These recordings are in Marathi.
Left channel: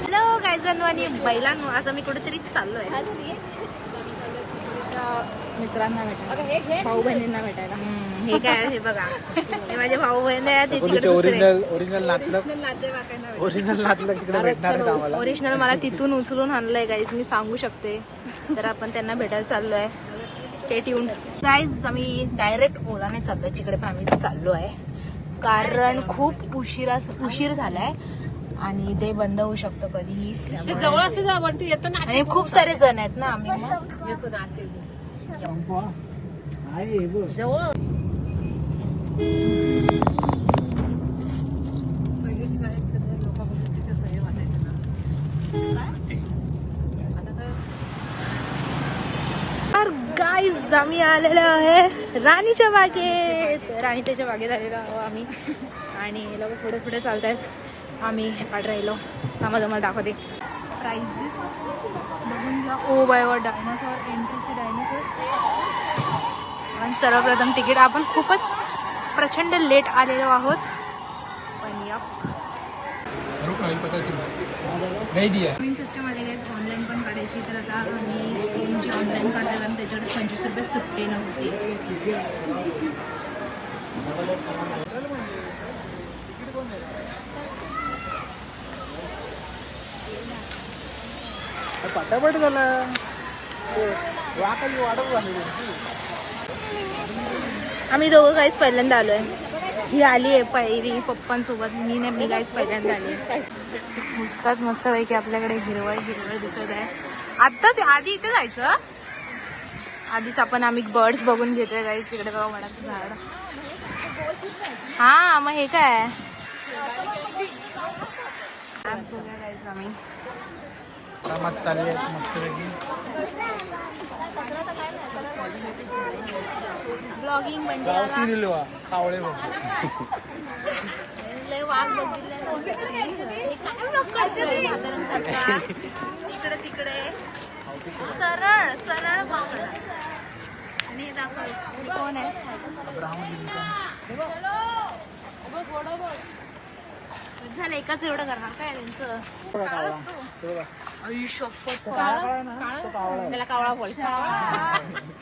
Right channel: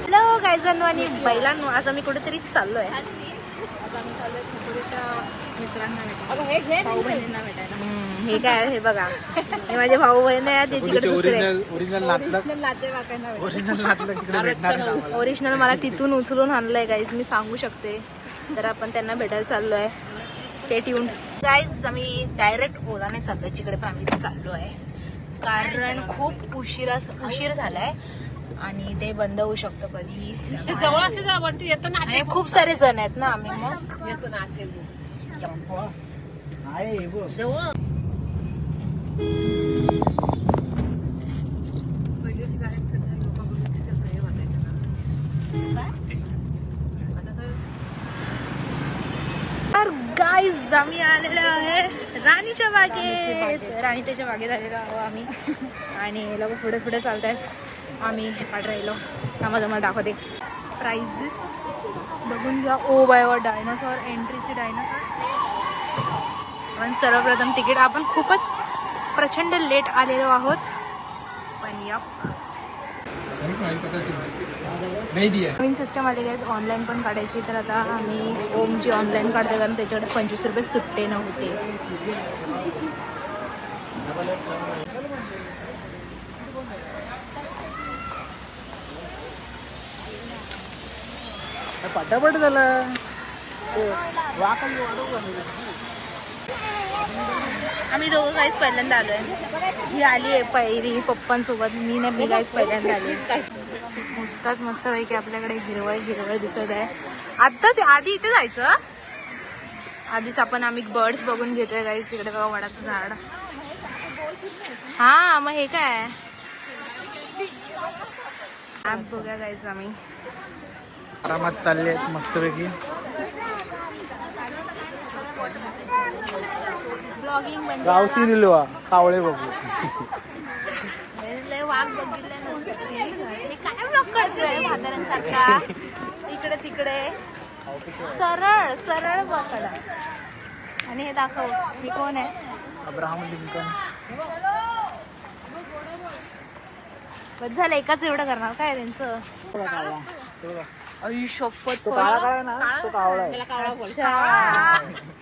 हॅलो गायजांनो आणि बैलांनो, आज आम्ही कुठेतरी चाललोय मित्रांना भेटायला, भाऊ बहिणींना भेटायला. हे काय हे बघा, हे माझे भाऊ बहीण आहे, ते तिकडे दुसरे ओरिजिनल मला तिथून उचलून आणलंय गाईज, मी सांगू शकते. तर आपण त्यांना भेटायला चाललोय. Stay tuned guys. आम्ही डायरेक्ट ओलाने चाललोय तिकडे, पण आम्ही चाललो आहे कारण खूप उशीर झालाय आणि ते बंद होऊ शकतं कधी. जवळ असे जा, पण तू येतो ना. आणि खूप सारे जण आहेत ना आम्ही, तर गाईज आम्ही आलेलो आहे राणीच्या बागेत. राणीच्या बागेत आलेलो आहोत आम्ही आणि लोक पुढे पुढे चालतायत. आम्ही काढ राहिलो. मला दाखवते प्राइजेस बघून घ्या. ओ बाय वर डायनासॉर, एंट्रीचे डायनासॉर. पण सर्वप्रथम तिकीट, आपण खूपच प्रचंड लेट आलेलो आहोत, पण नवीन सिस्टम आलेली आहे ऑनलाईन पण काढायची. तर आता आम्ही ओमची ऑनलाईन काढतो कारण त्याच्याकडे 25 रुपये सुट्टे नव्हते. आम्ही दोघं काहीच पहिल्यांदा आलोय. ही आली आहे पहिली पप्पांसोबत, मी नाही, मी काहीच पहिल्यांदा आली आहे. नुसताच मस्त पैकी आपल्याकडे हिरवळ हिरवळ दिसत आहे. आत्ताच आधी इथे जायचं, आधीच आम्ही बर्ड्स बघून घेतोय गाईस. तिकडे बघा वडाचं झाड. हा मग हे काय ऍप बघूया गाईस. आम्ही कामात चालले आहेत मस्तपैकी. गावठी निलवा कावळे बघू. इकडे तिकडे सरळ सरळ बघा आणि हे दाखव अब्राहम लिंकन. झालं एकाच एवढं करणार काय त्यांचं. शपथ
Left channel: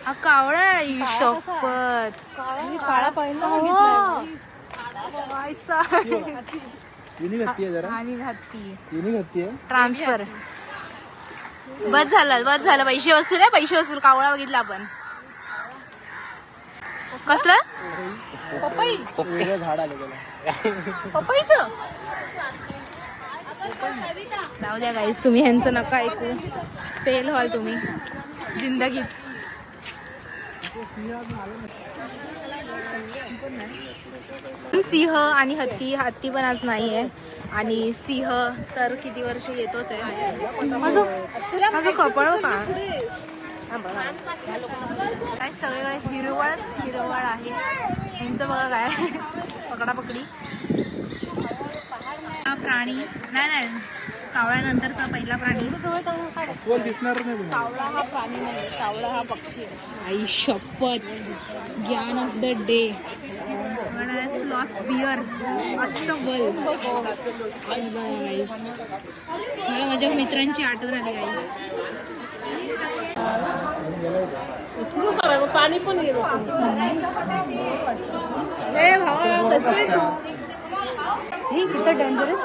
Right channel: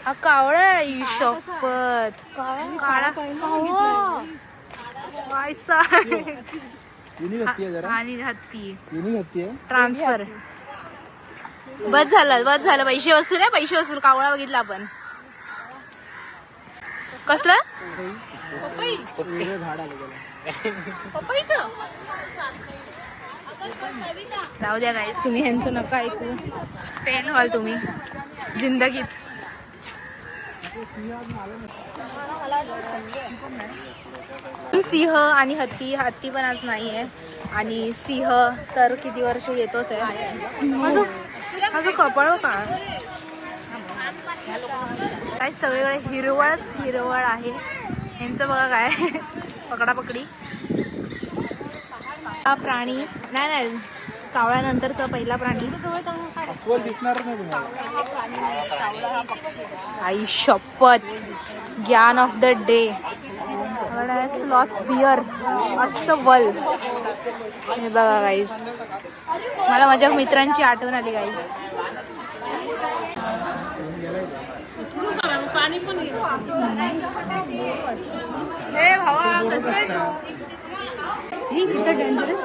हा कावळा आहे. शपथ काळा आणि हत्ती ट्रान्सफर. बस झालं पैसे वसूल आहे, पैसे वसूल. कावळा बघितला आपण. कसलं झाड आलं राहू द्या गाईस, तुम्ही ह्यांचं नका ऐकू, फेल व्हाल तुम्ही जिंदगीत. सिंह आणि हत्ती पण आज नाहीये. आणि सिंह तर किती वर्ष येतोच आहे. माझं कपाळ का काय सगळीकडे हिरवळ आहे. ह्यांचं बघा काय पकडापकडी. हा प्राणी नाही, कावळ्यानंतरचा पहिला प्राणी दिसणार नाही. कावळा हा पक्षी. आई शपथ, ज्ञान ऑफ द डे. बियर अस्वल. हे बघा गाईज, मला माझ्या मित्रांची आठवण आली गाईज. पाणी पण गेलं. कसं आहे डेंजरस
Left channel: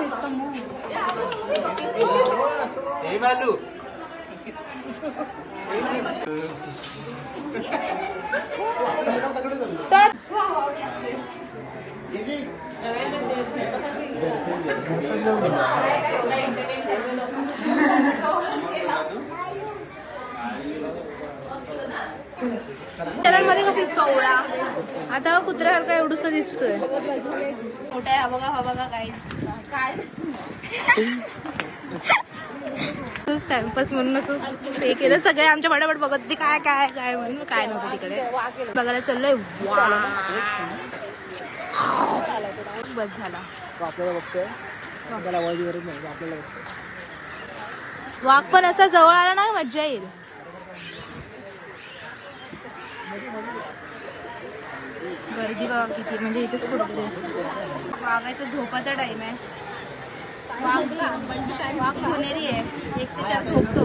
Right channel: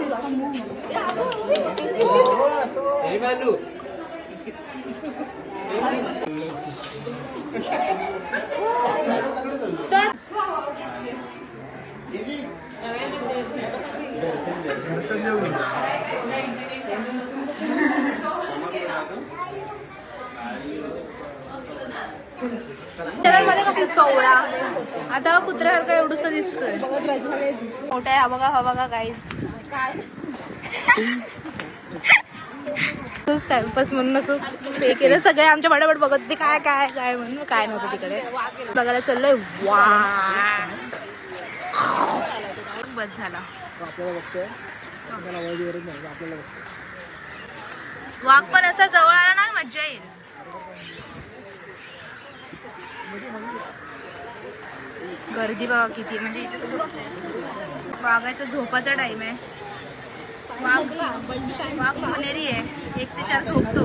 मध्ये कसं दिसतो ओळा. आता कुत्र्यासारखा एवढूसा दिसतोय. मोठा आहे हा बघा गाईज. टाइमपास म्हणून असं हे केलं. सगळे आमच्या पटापट बघत होते काय काय काय म्हणून. काय नव्हतं तिकडे बघायला चाललोय. वा बस झाला. आपल्याला बघतोय, आपल्याला आवाज गरज नाही, आपल्याला बघतोय. वाघ पण असं जवळ आला ना मज्जा येईल. गर्दी बघा किती, म्हणजे इथेच वाघाचा झोपाचा टाइम आहे. वाघ पुणेरी आहे, 1 ते 4 झोपतो.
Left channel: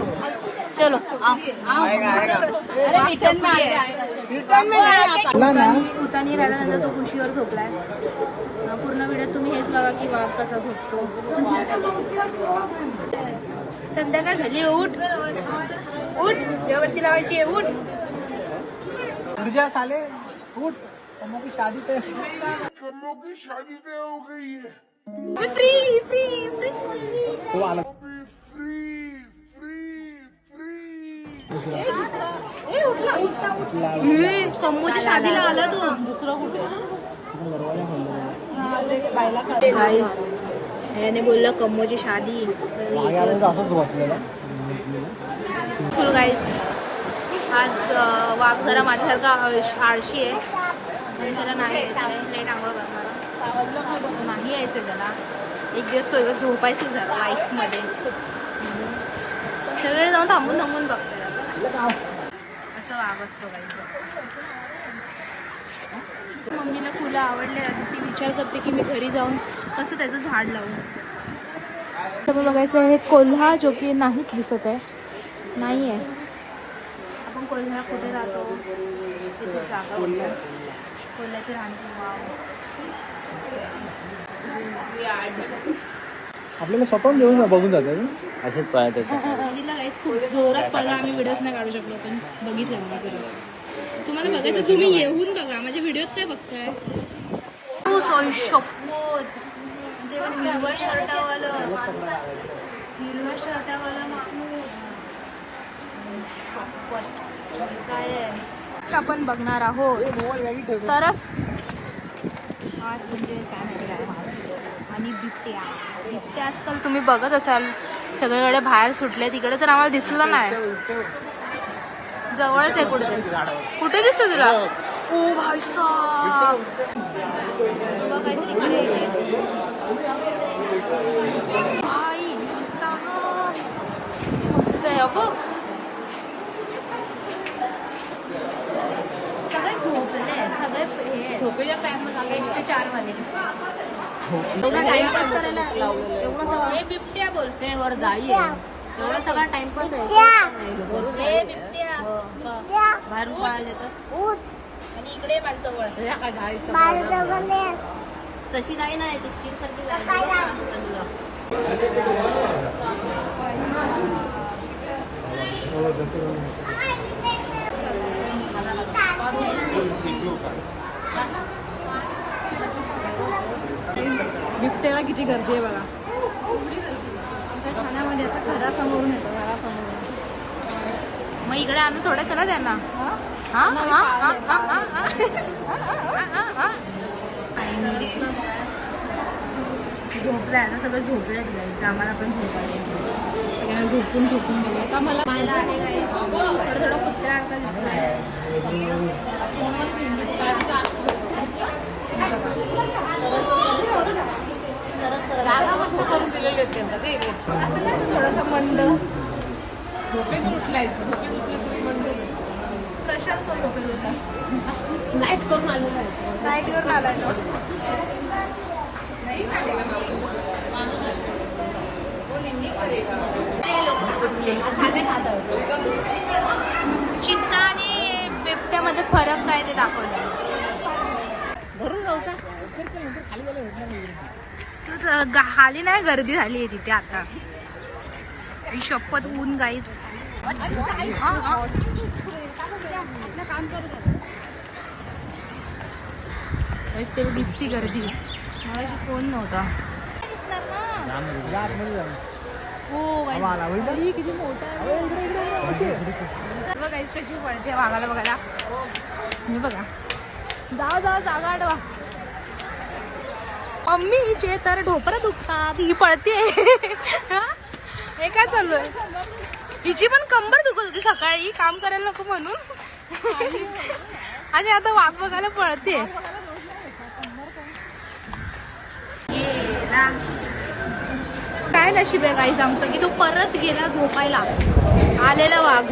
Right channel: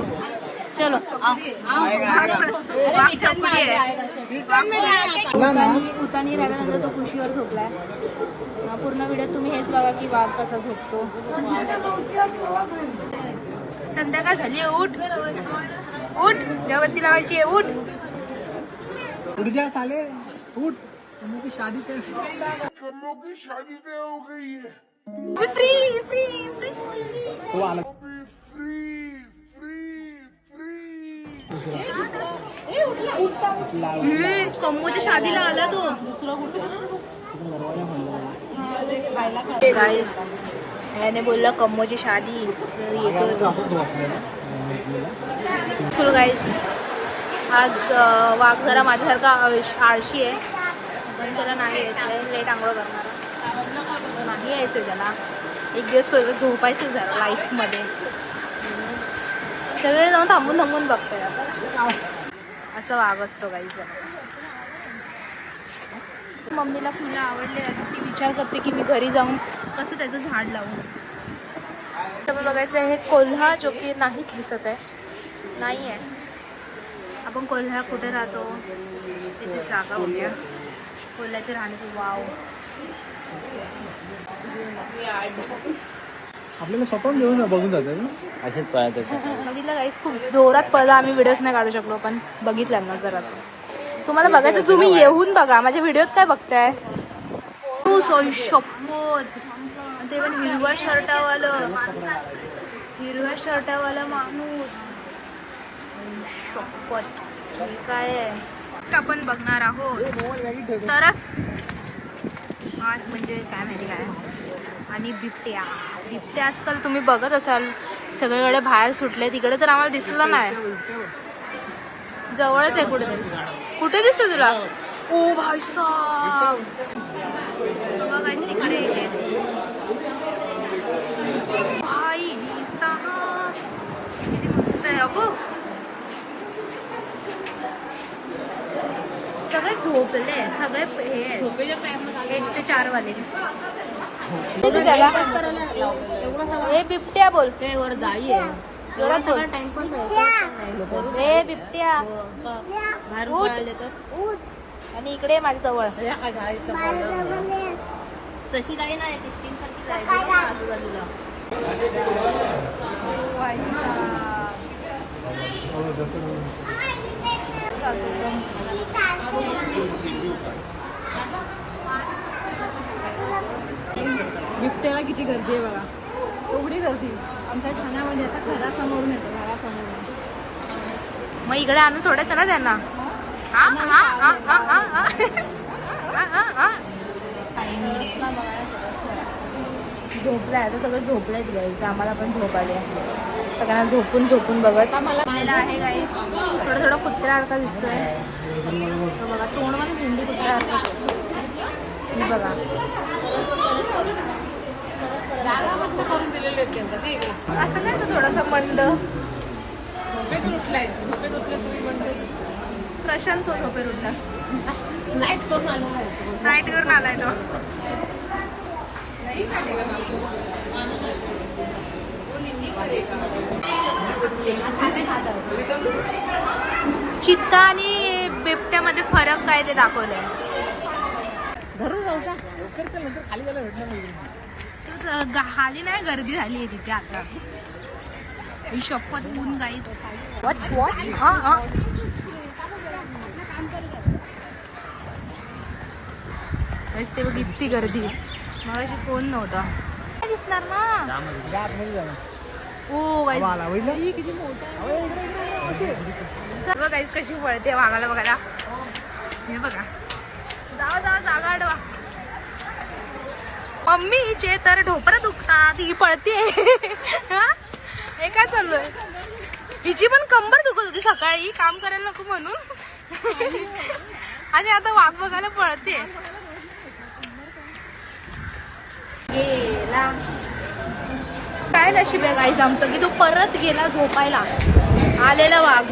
चलो वाघ चकुली आहे. उतानी राहिल्यानंतर तो कुशीवर झोपलाय. पूर्ण व्हिडिओ तुम्ही हेच बघा की वाघ कसा झोपतो. संध्याकाळ झाली, उठ उठ, देवबत्ती लावायची आहे, उठ. ऊर्जा साले उठ, कमो की शादी पे हो गई है. Free free free. तो आला. कम्मूच्या शादीला आला तो. दुसरं कुठे गाईस ह्याने बोलला कम्मूची शादी, तर येतो. चल गाईस, आज वाघ जरा माझ्यासारखा आळशी आहे, पण त्याला नाही यायचंय. लेट आंघोळ करणारा नाही यायचंय त्याला. एक दिवस तो झोपायचं जरा लाईफमध्ये. सगळे जाऊन थांबून थांबून बघताय आता. असं वाघ असतो गाईस. मम्मीला फुलं आवडले, ती विचार करते की मी घरी जाऊन कसं त्याचं झाड लावून. बघायचं हे कोल्हा, जो की नाहीच दिसत आहे, नाही आहे. आपण कोल्हा कुठे राहतो त्याची जागा बघूया. कोल्ह्याची राहण्याची वाव. आपल्याला स्वतःहून घेऊन बघून जातं असेच पळत. बघितलं गाईस, खूप जोरात पळला. आम्ही व्हिडिओज नाही काढू शकलो, पण बघितलं ना जरा. तुम्हाला बघायचं तुम्ही येऊन बघा. माझ्या व्हिडिओत काय बघताय? शपथ, ते पण हिरव्या शर्टावालं माणूस. शपथ, काय आहे आपण बघणार आहोत तरच आज, म्हणजे काय माहिती काय. आणि बिबट्या आजकाल तुम्ही बघत असाल सगळीकडे बाहेर सुटले. तिकडे तर आम्हाला दिसलं नाही. जवळच आहे कुठेतरी. कुठे दिसत तुला? ओ भाई साहब, बघायचं इकडे. भाई साहब मस्त आहे. अगो सगळे झोपले, सगळे हे झोपेच्या टाइम 1 ते 4 वाले. टाइमपास करायला एवढा सगळा बिबट्या बोलते वर जाई एवढा सगळा टाइमपास आहे. बिबट्या बाहेरून पळाले तर आणि इकडे माझ्या जवळ. तशी काही नाही, ती स्टील सारखी बिबट्याला किती गर्दी आहे बघा. एवढी गर्दी पुण्यामध्ये. असा घरासमोरून येतो, घरासमोरून. मग इकडे आणून सोडायचं ना त्यांना. झोपलाय आता, सगळे झोपलाय तिकडे. आम्हाला पण झोप आली. सगळ्यांना झोपून बघत आम्हाला आहे काय. थोडं कुत्र्यासारखा दिसतोय बघा. तोंडमध्ये हिंदी कुत्रा बघा. जागा मस्त करून दिलेली आहेत त्यांना. ते असं नाही, थोडंसं मंद. झोपेत उठलाय, झोपेत उठले तुम्ही बंद. प्रशांत तो झोपेत उठला. नाईट करून आलो आहे. नाईट करून आलाय तो. चित्ता आणि बिबट्यामध्ये फरक काय ते दाखवलंय. खाली जायला भेटणार नाही. खाली नाही, गर्दी झाली आहे तिथे आता. शपथ, ऊन गाईस. ते बघ इतकी गर्दी. मला फोन नव्हता दिसणार ना. हो गाईस, किती मोठा सर्व गाईस कशी पळते वाघाला बघायला. हे बघा, जाऊ जागा अडवा. मम्मीचे तर ढोपरं दुखतात, ही पळते. हे काय चालू आहे? हिची पण कंबर दुखत होती सकाळी, काम करायला नको म्हणून. आणि आता वाघ बघायला पळते. काय नशीब आहे गाईज आमचं की तो परत गेला झोपायला. आलेला वाघ.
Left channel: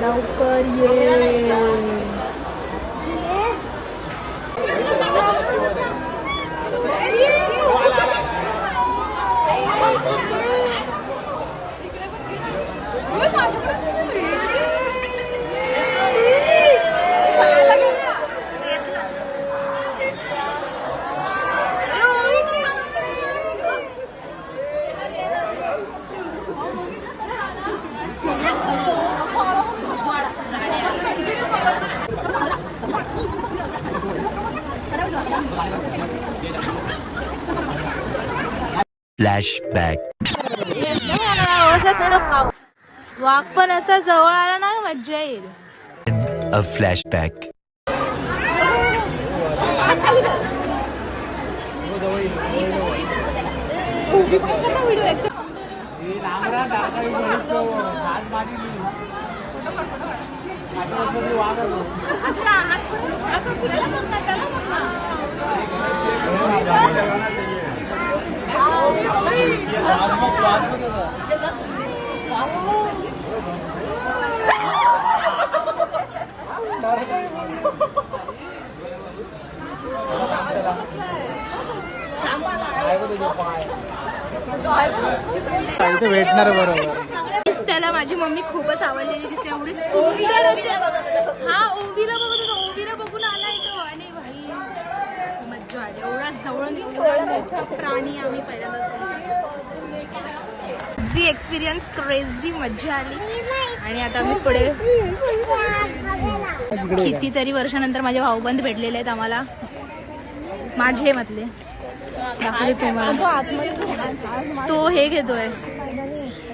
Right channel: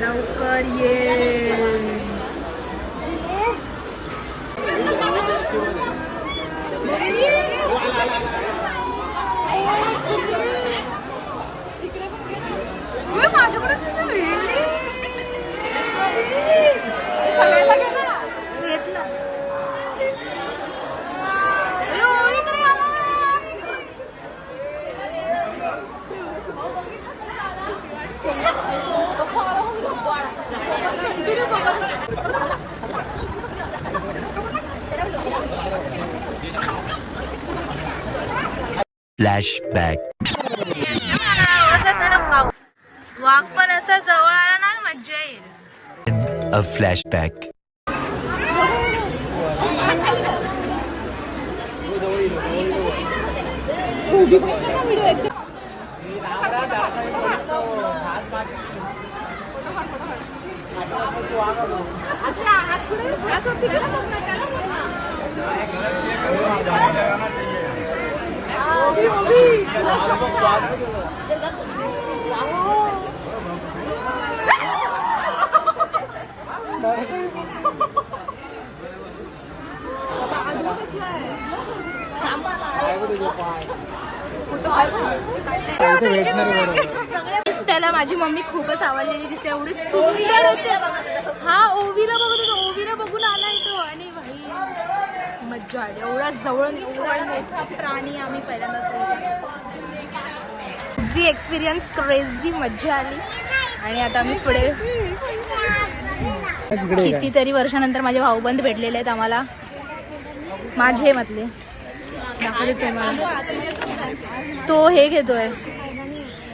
लवकर ये. फ्लॅशबॅक. वाघ पण असं जवळ आला ना मज्जा येईल. अ फ्लॅशबॅक. भेटणार बरोबर. त्याला माझी मम्मी खूपच आवडलेली दिसते. एवढी सुंदर होती. हा ओवीला बघत होतो. ओवीला बघून आला तो आणि भाई मज्जा आली. एवढा जवळून एवढा मोठा प्राणी आम्ही पहिल्यांदाच क्रेझी एक्सपिरियन्स, क्रेझी मज्जा आली. आणि आता आम्ही पुढे कितीतरी वर्षानंतर माझे भाऊबंद भेटलेले आहेत आम्हाला. माझे मतले दाखवते तुम्हाला. तो हे घेतोय,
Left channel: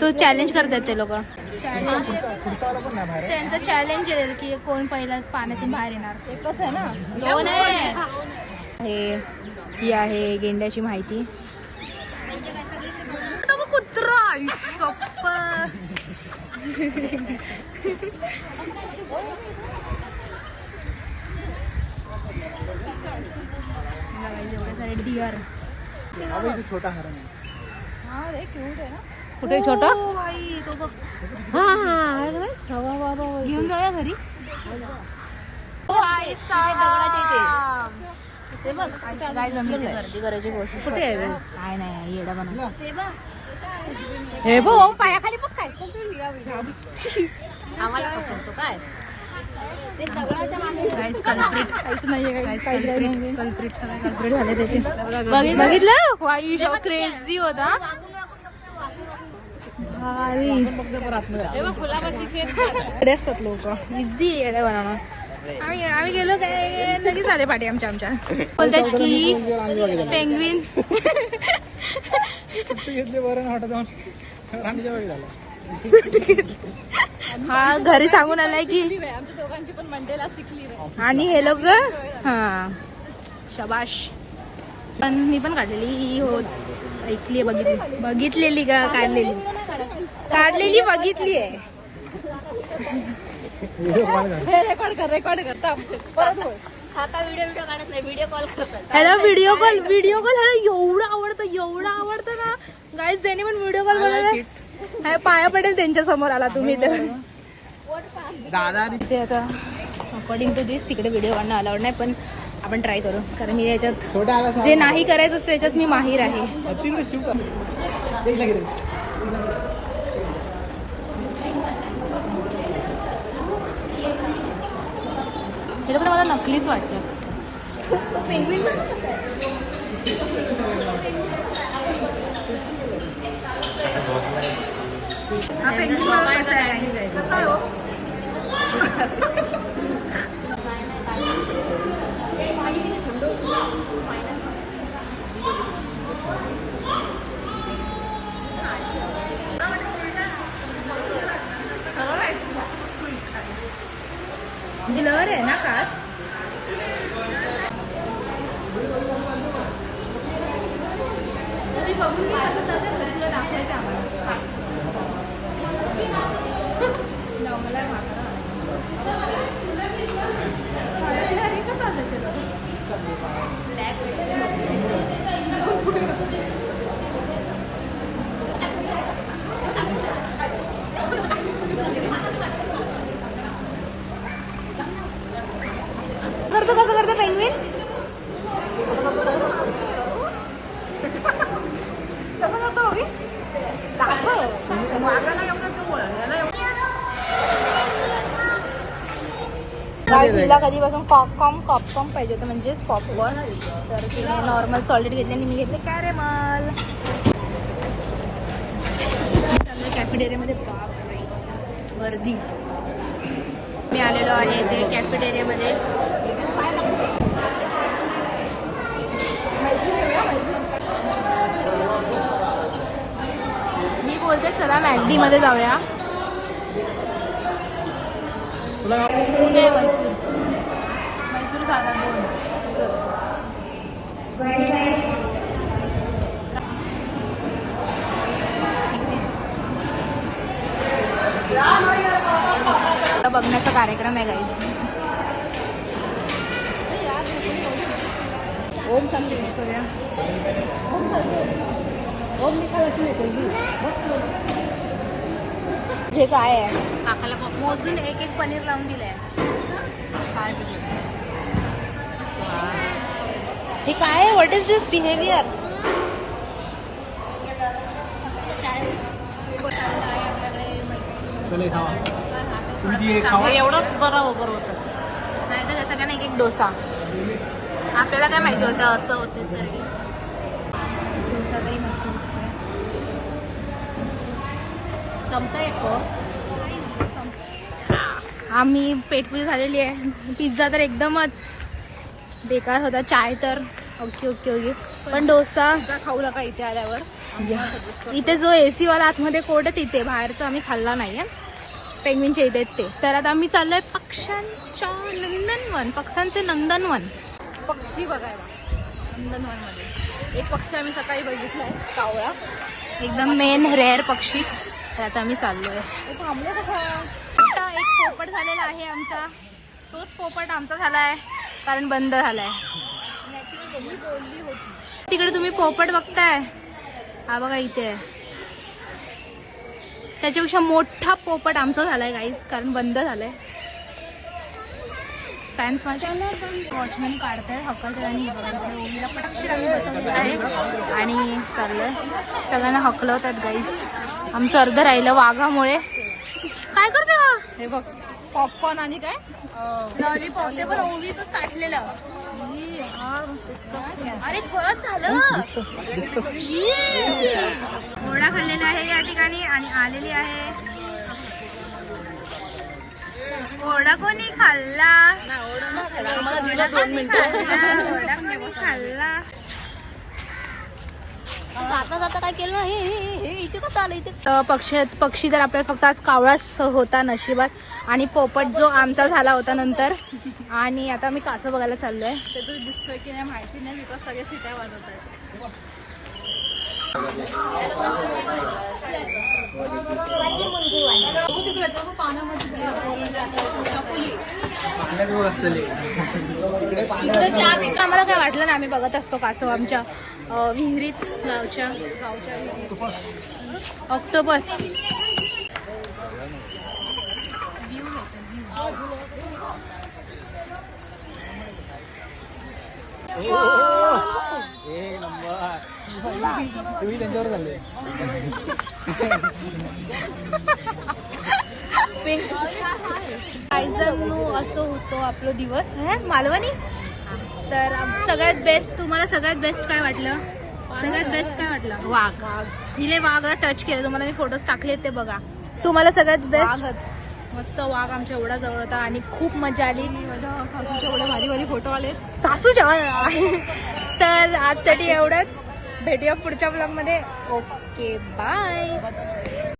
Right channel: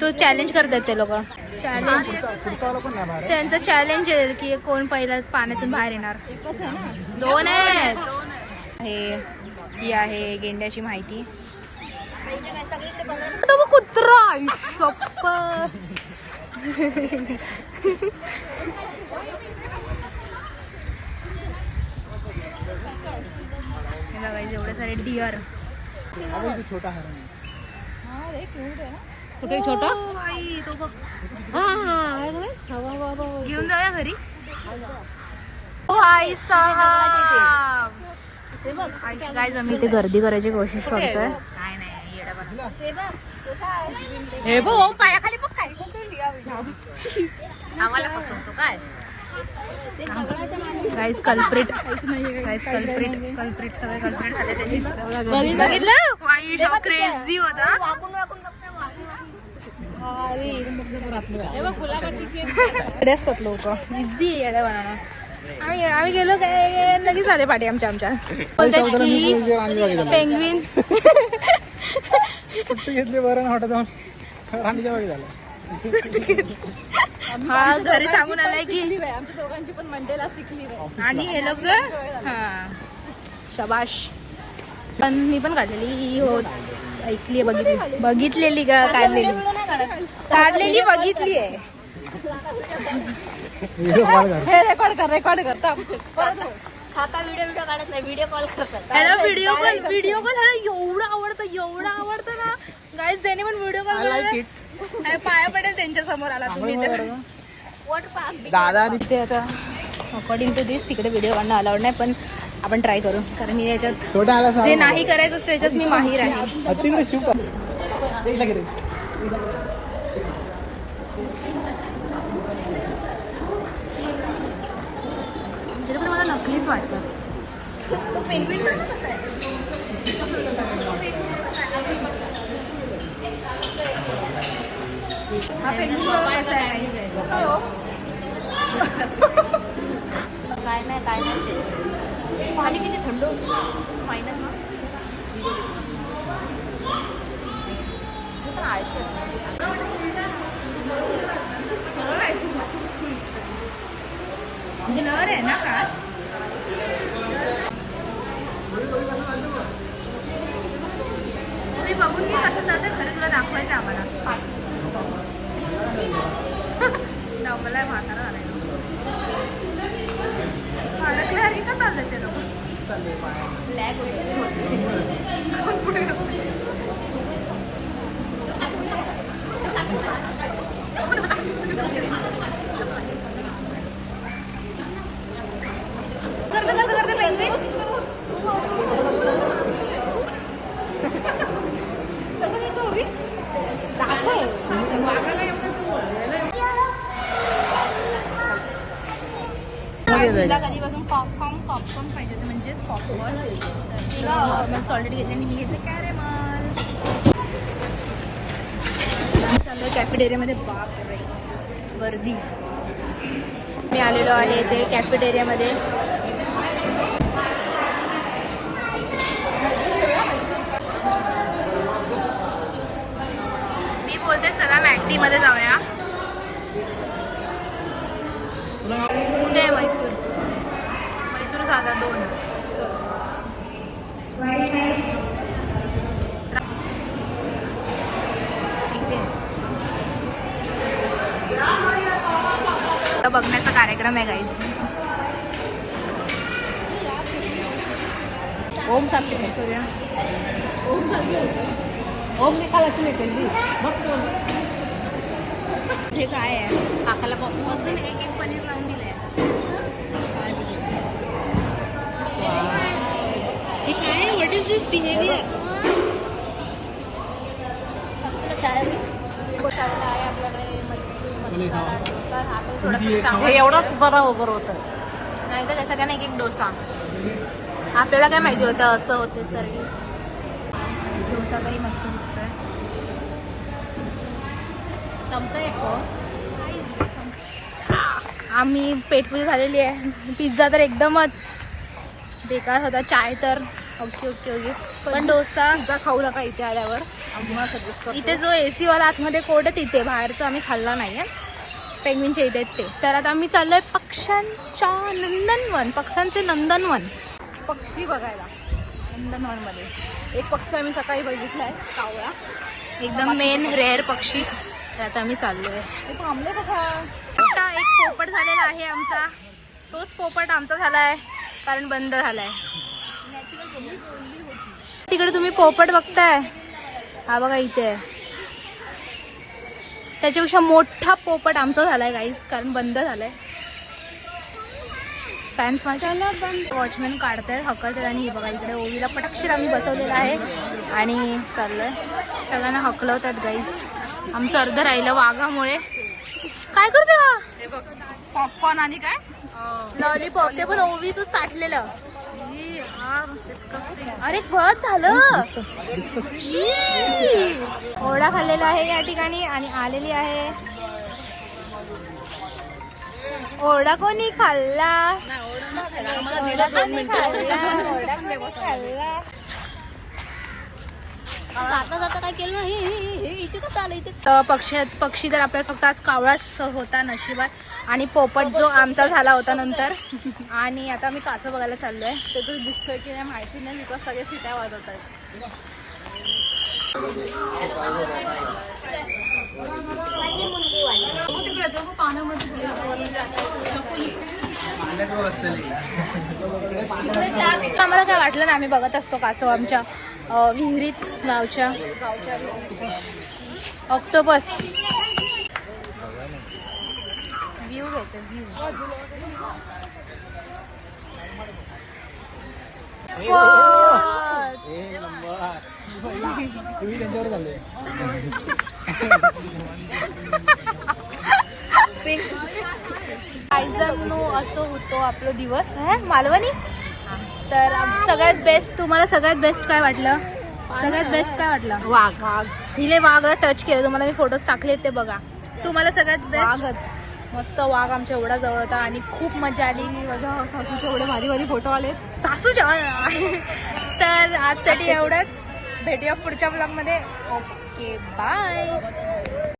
तो चॅलेंज करतात ते लोक. चॅलेंज त्यांचं चॅलेंज आहे की कोण पहिला पाण्यातून बाहेर येणार. एकच आहे ना. 2 आहेत. ही आहे गेंड्याची माहिती. कुत्रा एवढे सारे डिअर. छोटा हरण आहे. कुठे छोटा भाई तो बघ. हा घेऊन जाऊया घरी. भाई साहब गाईज आम्ही इथे गर्दी करायची कोशिश करतोय. काय नाही येडा म्हणून. हे बघ पायाखाली बघ काय आम्हाला पसंत काय. गाईज कल्प्रिट काहीच नाहीये. गाईज कल्प्रिट सगळे कल्प्रिट झाले त्याची. बघितलं वाईट क्रेझी होता. असतात लोक इझी येडे बनवणं. आम्ही गेलो काय लगेच आले पाठी आमच्या बोलतात की पेंग्विन. हा घरी सांगून आलाय की आमच्या दोघांची पण मंडेला सिकली. आणि हे लोक हा शबाश. पण मी पण काढलेली हो, ऐकली बघितलेली का काढलेली बघितली आहे. रेकॉर्ड करता. काका व्हिडिओ काढत नाही, व्हिडिओ कॉल करतात. व्हिडिओ कॉल एवढं आवडतं ना गाईज. ज्याने पण व्हिडिओ कॉल पाया पडेल त्यांच्या समोर आला तुम्ही दादा. ते आता अकॉर्डिंग टू दिस तिकडे व्हिडिओ काढणं अलाउड नाही, पण आपण ट्राय करू. कारण मी याच्यात जे नाही करायचं असतं त्याच्यात मी माहीर आहे. नकलीच वाटतं. ब्लर आहे ना काच. तुम्ही बघून घे कसं जाते खरं तुला दाखवायचं आम्हाला. मला म्हातारा का चालतं ते लोक. करता पेंगविन कसं करतो उभी वाघाला एवढं तो बोलायला तिला कधीपासून पॉपकॉर्न पाहिजे होतं, म्हणजेच पॉपकॉर्न. तर तिला नॉर्मल सॉलिड घेतले आणि मी घेतले कॅरेमल. चाललं कॅफेटेरियामध्ये गर्दी. मी आलेलो आहे ते कॅफेटेरियामध्ये. मी बोलते चला मॅगडी मध्ये जाऊया. कुठे म्हैसूर म्हैसूर साधा 2. बघण्याचा कार्यक्रम आहे गाईज. ओम सांग टेस्ट करूया. हे काय आहे? काकाला मोजून एक पनीर लावून दिलंय. हे काय आहे? What is this behaviour? चले खावा. तुमची एक खावा. नाही तर कसं काय नाही एक डोसा. आपल्याला काय माहिती होतं असं होते सर्विस. डोसा तरी मस्त दिसतोय. चमचा येतो. आम्ही पेटपूजा झालेली आहे. पिझ्झा तर एकदमच बेकार होता. चाय तर ओके ओके ओके. पण डोसा खाऊ नका इथे आल्यावर. इथे जो एसी वाला आतमध्ये कोर्ट आहे तिथे, बाहेरचं आम्ही खाल्ला नाही आहे. पेंग्विनच्या इथे ते. तर आता आम्ही चाललोय पक्ष्यांच्या नंदनवन. पक्ष्यांचे नंदनवन. एक पक्षी आम्ही सकाळी बघितलाय, कावळा. एकदम मेन रेअर पक्षी. तर आता आम्ही चाललोय. आता एक पोपट झालेला आहे आमचा. तोच पोपट आमचा झालाय कारण बंद झालाय. तिकडे तुम्ही पोपट बघताय, हा बघा इथे. त्याच्यापेक्षा मोठा पोपट आमचा झालाय गाईज, कारण बंद झालाय. फॅन्स माझे वॉचमॅन काढतायत, हकलतात. आणि बघा इकडे ओवीला पटक्षीर आम्ही बसवलेला आहे आणि चाललंय. सगळ्यांना हकलवतात गाईज. आमचं अर्ध राहिलं वाघामुळे. काय करते हा? पॉपकॉर्न आणि काय लॉलीपॉप. ते पण ओवीच ताटलेलं. अरे बस झालं. ओढा खाल्लेला आहे या ठिकाणी आणि आलेली आहे. ओढा कोणी खाल्ला? मला 2 मिनिटं. ओढा खाल्ला. जाता जाता काय केलं? हे इथे कसं आलं? इथे पक्षी तर आपल्याला फक्त आज कावळाच होता नशिबात. आणि पोपट जो आमचा झाला होता नंतर. आणि आता आम्ही कासव बघायला चाललोय. तुला दिसतंय की नाही माहिती नाही, बिकॉज सगळे सिट्या वाजवत आहेत. आम्हाला काय वाटलं ना, आम्ही बघत असतो कासव आमच्या विहिरीत, गावच्या विहिरीत. ऑक्टोपस व्ह्यू घेते. तुम्ही त्यांच्यावर झाले. गायजांनो असं होतो आपला दिवस है मालवणी. तर सगळ्यात बेस्ट, तुम्हाला सगळ्यात बेस्ट काय वाटलं? सगळ्यात बेस्ट काय वाटलं? वाघ. हिले वाघला टच केलं, तुम्हाला मी फोटोज टाकले ते बघा. तुम्हाला सगळ्यात बेस्ट? वाघच. मस्त वाघ आमच्या एवढा जवळ होता आणि खूप मजा आली. माझ्या सासूचे एवढे भारी भारी फोटो आलेत. सासूच्या. तर आजसाठी एवढंच. भेटूया पुढच्या ब्लॉग मध्ये. Okay bye.